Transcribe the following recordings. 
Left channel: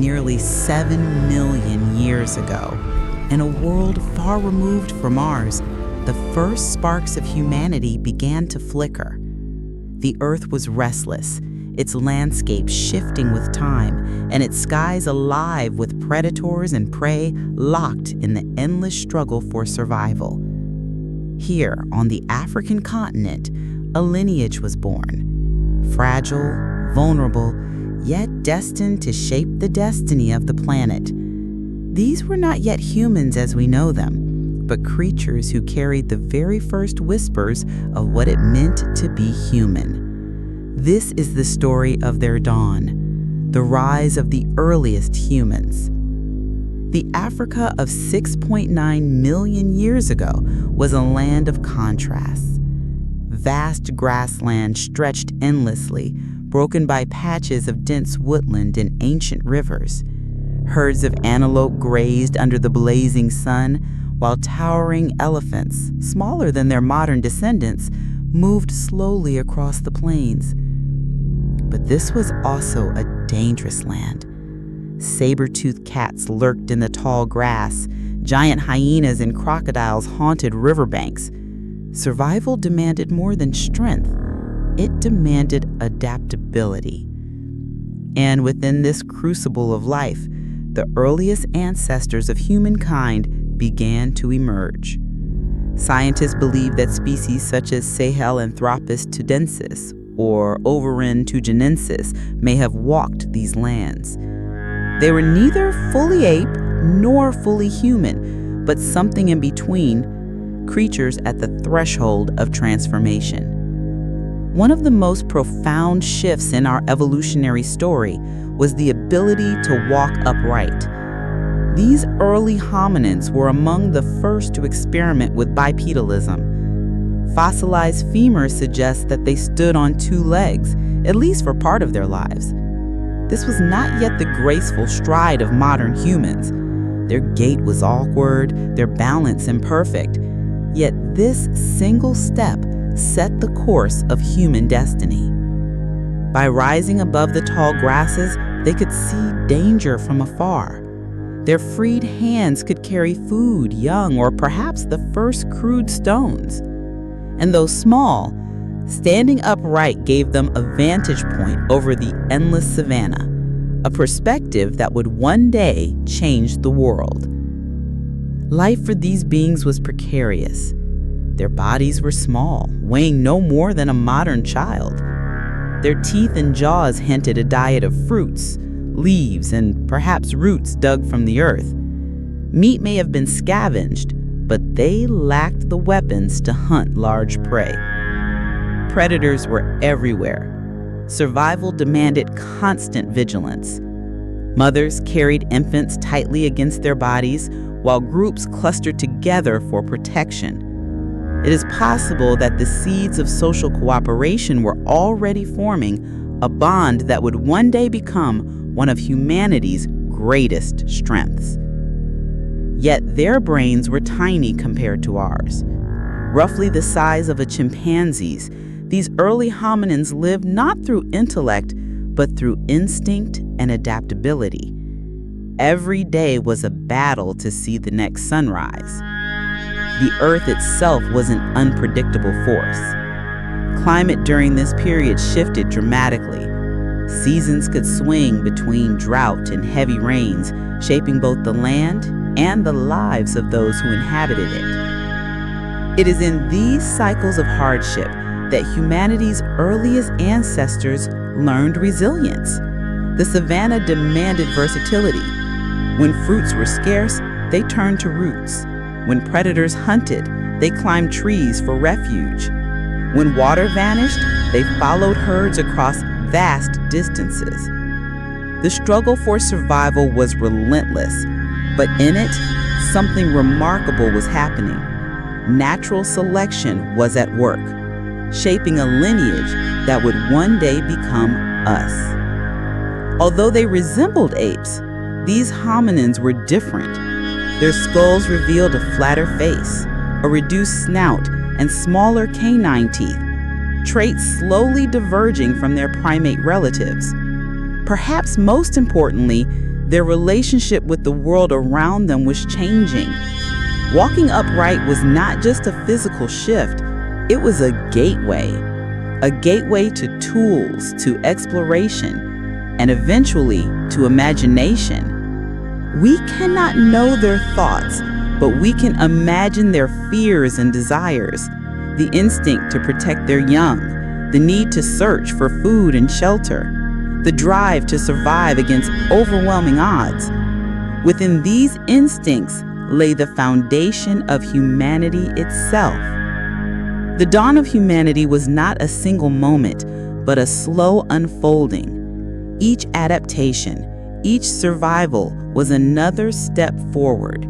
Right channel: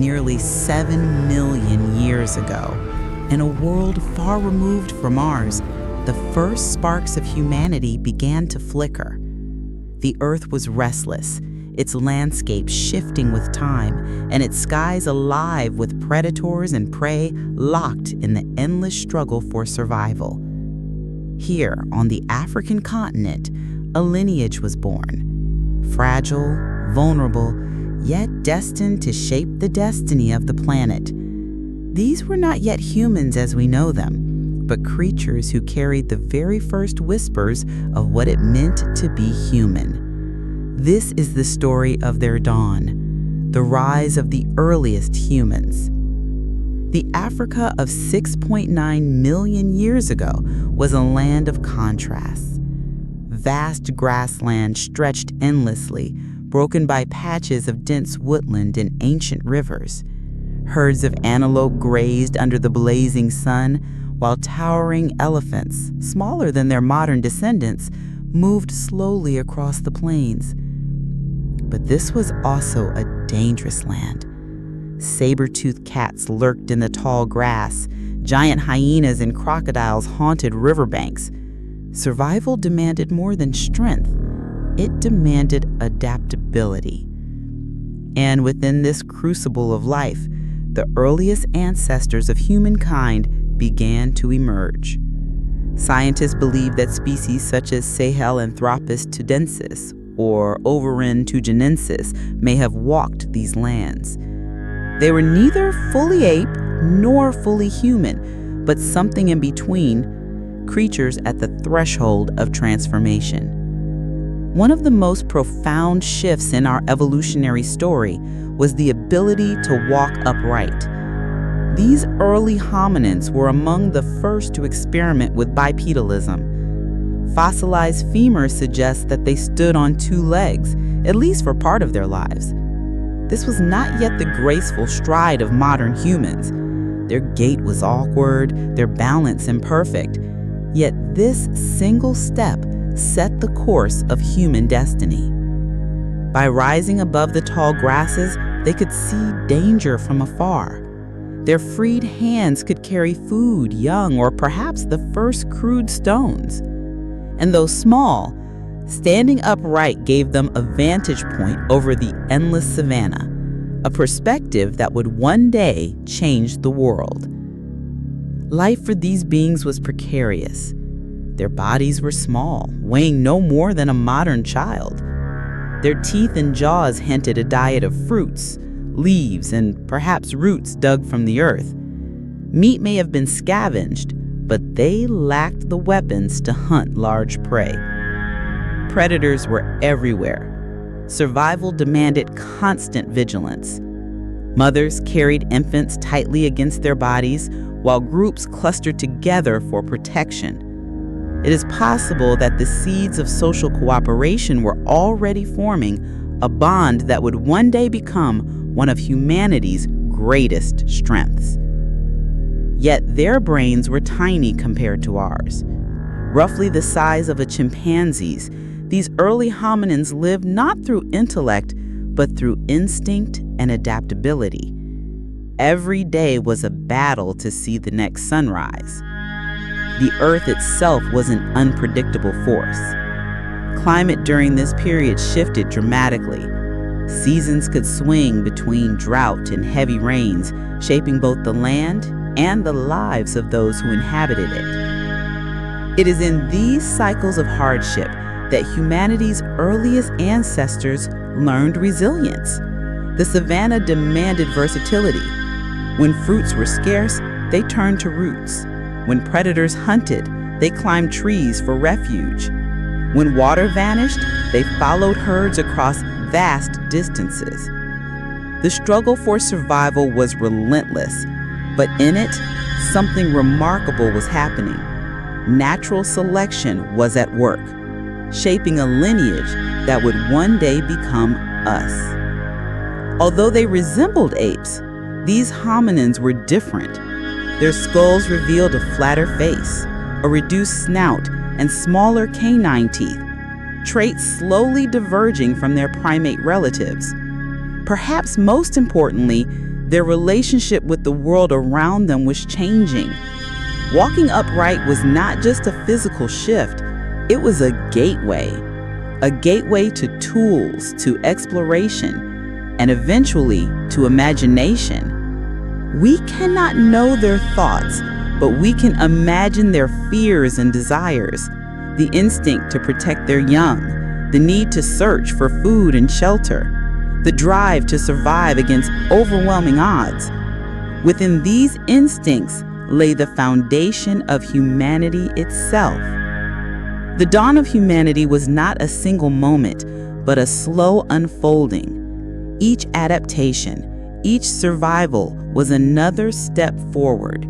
nearly 7 million years ago. In a world far removed from ours, the first sparks of humanity began to flicker. The Earth was restless, its landscape shifting with time, and its skies alive with predators and prey locked in the endless struggle for survival. Here, on the African continent, a lineage was born. Fragile, vulnerable, yet destined to shape the destiny of the planet. These were not yet humans as we know them, but creatures who carried the very first whispers of what it meant to be human. This is the story of their dawn, the rise of the earliest humans. The Africa of 6.9 million years ago was a land of contrasts. Vast grassland stretched endlessly, broken by patches of dense woodland and ancient rivers. Herds of antelope grazed under the blazing sun, while towering elephants, smaller than their modern descendants, moved slowly across the plains. But this was also a dangerous land. Saber-toothed cats lurked in the tall grass. Giant hyenas and crocodiles haunted riverbanks. Survival demanded more than strength. It demanded adaptability. And within this crucible of life, the earliest ancestors of humankind began to emerge. Scientists believe that species such as Sahelanthropus tudensis or Ovarin tugenensis may have walked these lands. They were neither fully ape nor fully human, but something in between, creatures at the threshold of transformation. One of the most profound shifts in our evolutionary story was the ability to walk upright. These early hominins were among the first to experiment with bipedalism. Fossilized femurs suggest that they stood on two legs, at least for part of their lives. This was not yet the graceful stride of modern humans. Their gait was awkward, their balance imperfect. Yet this single step set the course of human destiny. By rising above the tall grasses, they could see danger from afar. Their freed hands could carry food, young, or perhaps the first crude stones. And though small, standing upright gave them a vantage point over the endless savanna, a perspective that would one day change the world. Life for these beings was precarious. Their bodies were small, weighing no more than a modern child. Their teeth and jaws hinted a diet of fruits, leaves, and perhaps roots dug from the earth. Meat may have been scavenged, but they lacked the weapons to hunt large prey. Predators were everywhere. Survival demanded constant vigilance. Mothers carried infants tightly against their bodies, while groups clustered together for protection. It is possible that the seeds of social cooperation were already forming a bond that would one day become one of humanity's greatest strengths. Yet their brains were tiny compared to ours. Roughly the size of a chimpanzee's, these early hominins lived not through intellect, but through instinct and adaptability. Every day was a battle to see the next sunrise. The earth itself was an unpredictable force. Climate during this period shifted dramatically. Seasons could swing between drought and heavy rains, shaping both the land and the lives of those who inhabited it. It is in these cycles of hardship that humanity's earliest ancestors learned resilience. The savanna demanded versatility. When fruits were scarce, they turned to roots. When predators hunted, they climbed trees for refuge. When water vanished, they followed herds across vast distances. The struggle for survival was relentless, but in it, something remarkable was happening. Natural selection was at work, shaping a lineage that would one day become us. Although they resembled apes, these hominins were different. Their skulls revealed a flatter face, a reduced snout, and smaller canine teeth, traits slowly diverging from their primate relatives. Perhaps most importantly, Their relationship with the world around them was changing. Walking upright was not just a physical shift, it was a gateway to tools, to exploration, and eventually to imagination. We cannot know their thoughts, but we can imagine their fears and desires, the instinct to protect their young, the need to search for food and shelter, the drive to survive against overwhelming odds. Within these instincts lay the foundation of humanity itself. The dawn of humanity was not a single moment, but a slow unfolding. Each adaptation, each survival was another step forward.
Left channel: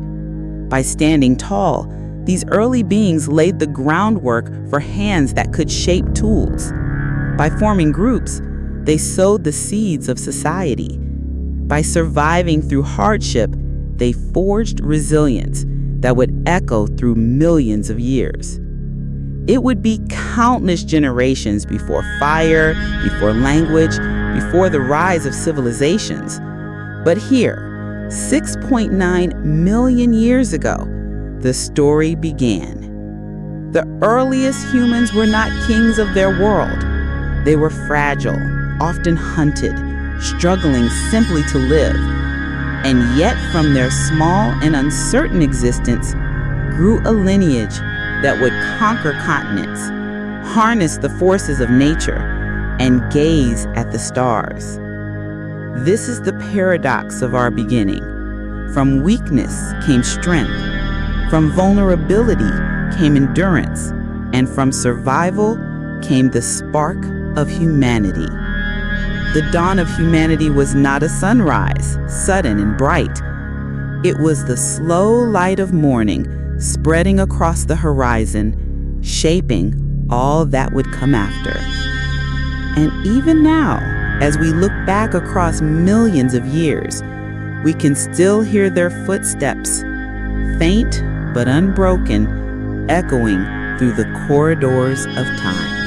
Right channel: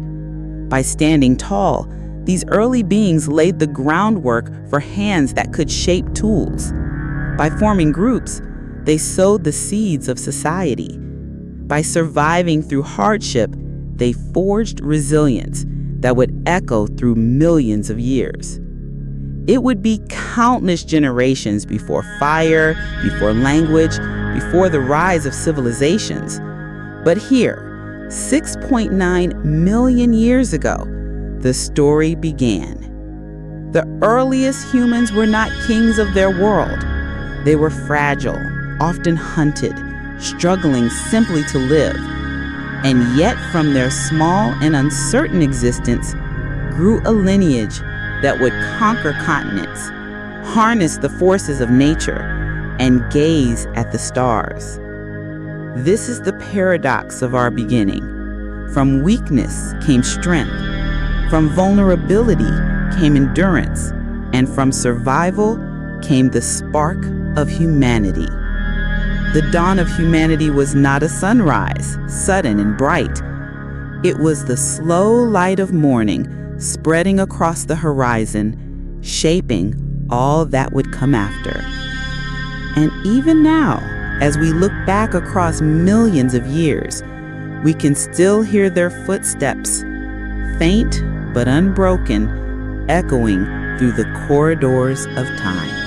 By standing tall, these early beings laid the groundwork for hands that could shape tools. By forming groups, they sowed the seeds of society. By surviving through hardship, they forged resilience that would echo through millions of years. It would be countless generations before fire, before language, before the rise of civilizations. But here, 6.9 million years ago, the story began. The earliest humans were not kings of their world. They were fragile, often hunted, struggling simply to live. And yet from their small and uncertain existence grew a lineage that would conquer continents, harness the forces of nature, and gaze at the stars. This is the paradox of our beginning. From weakness came strength, from vulnerability came endurance, and from survival came the spark of humanity. The dawn of humanity was not a sunrise, sudden and bright. It was the slow light of morning spreading across the horizon, shaping all that would come after. And even now, as we look back across millions of years, we can still hear their footsteps, faint but unbroken, echoing through the corridors of time.